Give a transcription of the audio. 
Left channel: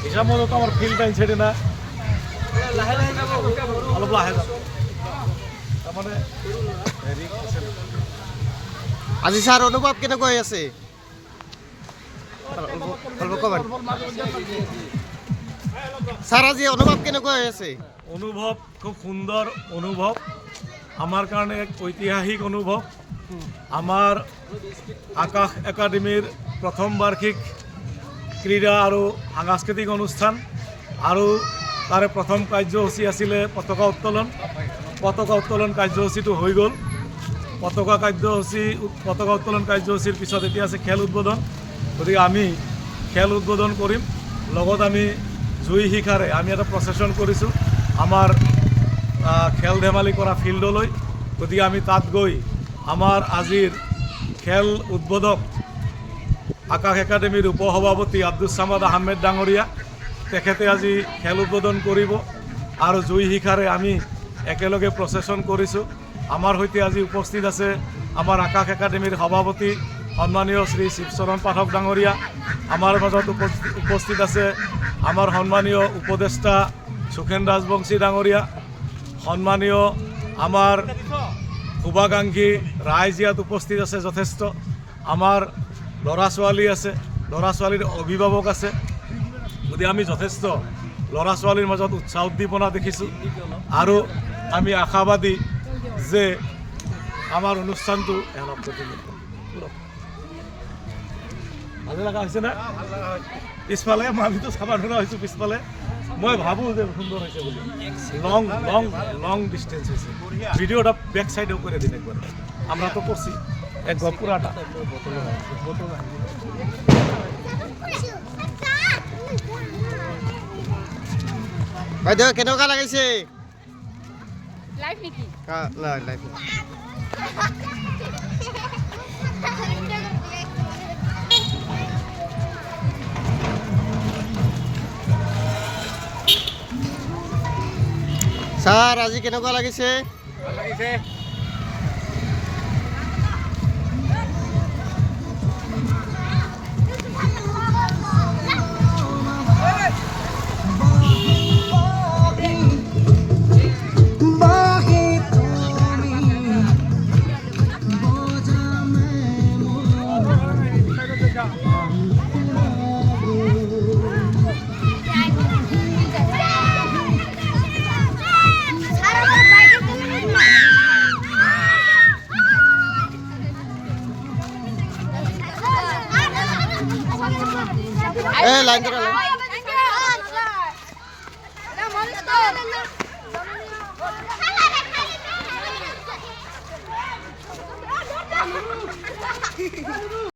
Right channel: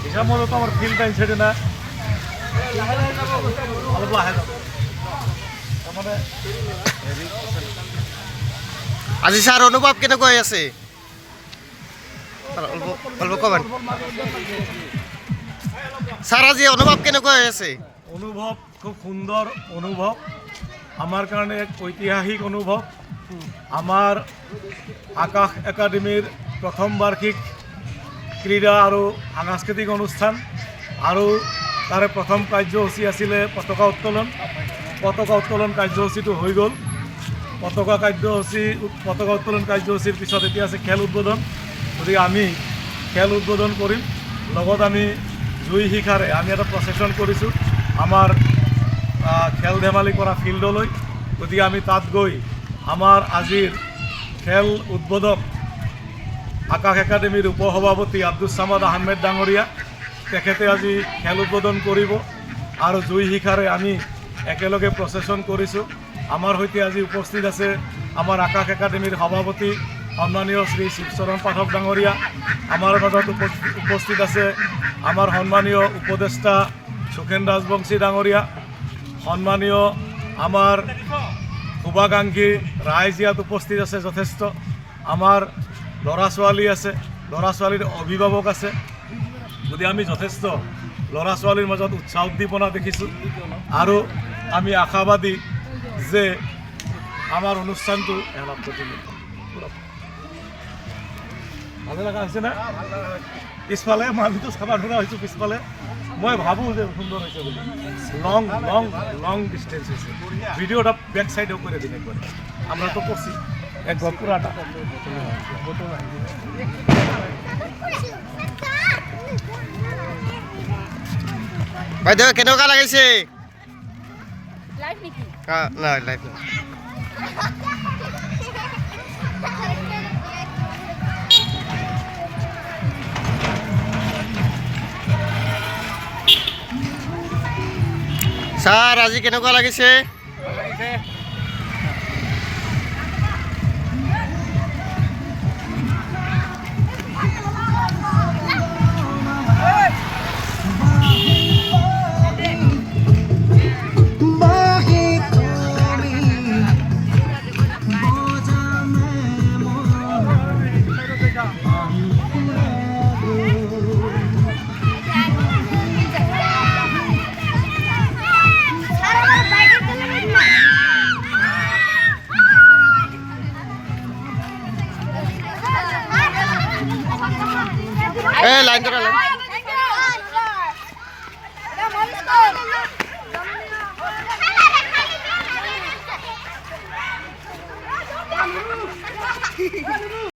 হিচাপত আমাৰ field time ছেটে না অলপ লাহে তাৰমানে আজি ছাৰ অনুভৱ কেনেকুৱা হৈ আছে অলপ ক'বেন ছাৰ আজি অনুভৱ কেনেকুৱা হৈ আছে অনুভৱ খুব সুন্দৰ অনুভৱ আমাৰ কাৰণে এক ঐতিহাসিক অনুভৱ আমাৰ আকাশ একাডেমীৰ প্ৰথম বাৰ্ষিক ক্ৰীড়া আৰু সাংস্কৃতিক অনুষ্ঠান আৰু তাৰে প্ৰথম কাৰ্যসূচী আছিলে পতাকা উত্তোলন কাৰ্যসূচীটো হৈ গ'ল পতাকা উত্তোলন কাৰ্যসূচীৰ পিছত এতিয়া আছে খেল উদ্বোধন গতিকে আমি খেল উদ্বোধন কৰিম লগত আমি জুই শিখাৰে আমি এটা প্ৰচেছন কৰিছোঁ আমাৰ খেল ধেমালি কৰা ফিল্ডলৈ গতিকে আমি তাত গৈ আমাৰ আজিৰ খেল উদ্বোধক আকাশ একাডেমীৰ উপসভাপতি আব্দুছ ছামাদ আহমেদ ডাঙৰীয়া তেখেতে আজি খেল উদ্বোধন কৰিব আৰু জুই শিখাৰে আমি একেলগে প্ৰচেছন কৰিছোঁ আমাৰ সৈতে আজি উপস্থিত আছে আমাৰ আকাশ একাডেমীৰ সভাপতি সন্মানীয় শ্ৰী শিৱচৰণ পাঠক ডাঙৰীয়া আমাৰ মাজত উপস্থিত আছে আমাৰ সন্মানীয় উপদেষ্টা সুখেন ৰাজবংশী ডাঙৰীয়া সন্মানীয় আমাৰ শুভাকাংক্ষী ৰাইজ ইয়াত উপস্থিত আছে যথেষ্ট আমাৰ ল'ৰা ছোৱালী আছে ল'ৰা ছোৱালীৰ অভিভাৱক আছে গতিকে আমি যথেষ্ট ল'ৰা ছোৱালীৰ মাজত উৎসাহ উদ্দীপনা দেখিছোঁ আৰু আমি আশাবাদী যে আমাৰ অনুষ্ঠানটো ভালে লগা হৈছে না পিছফালে আমিতো চাব ধৰা হৈছোঁ পিছফালে মই ভাবোঁ যে সুন্দৰ হৈছে বুলি লং ডিষ্টেন্স হৈছে ভিডিঅ'টা বেক সাইডেও কৰে দিন একবাৰ আমৰা তো কৰছি একবাৰ পুৰাটা বাইদেউ কেনেকুৱা লাগিছে লাইভ নেকি না লাইভ না স্যাৰ আজি কেনেকুৱা লাগিছে লাইন ধৰা লাইন